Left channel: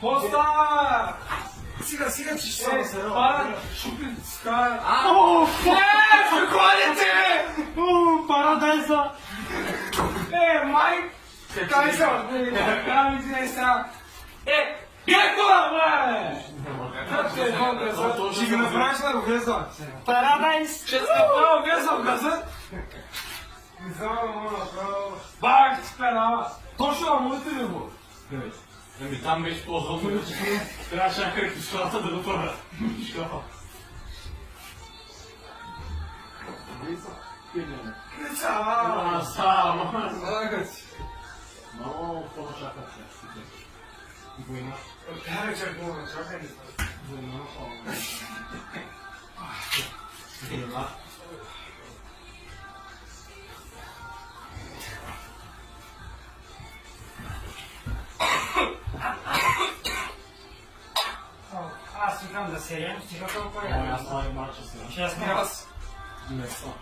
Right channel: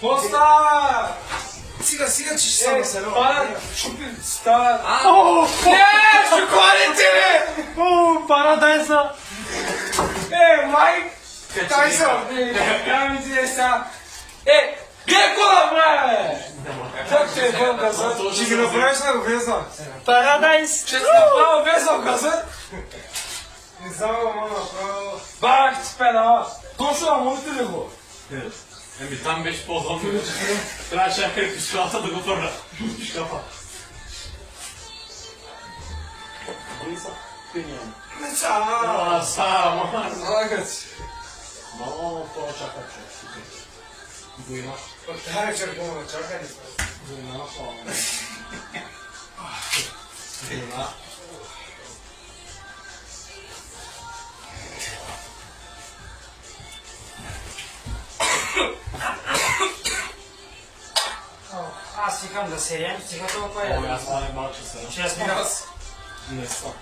Posta! Siga, ci sono, se no. Sta. Quality! Paradise! Mike! Tyson! Kamizesa! Gekkola be! Çok şey kazın. Şimdi operasyon vezan. Paradise! Ama vezan kazın. Bak tipen ha. Koşuyor monitörü bu. Tam 5 pozamıyor. Teraz trzeba jakieś szlata do gotora. Szlata. Ne ça? Sama. Zagać. No, to czekać. Bujna. Her şey bu, çakal. Bujna. Bujna. Стихам да седем, стиха толкова е. Аз това е малко сега. 6 минути. Не, 100.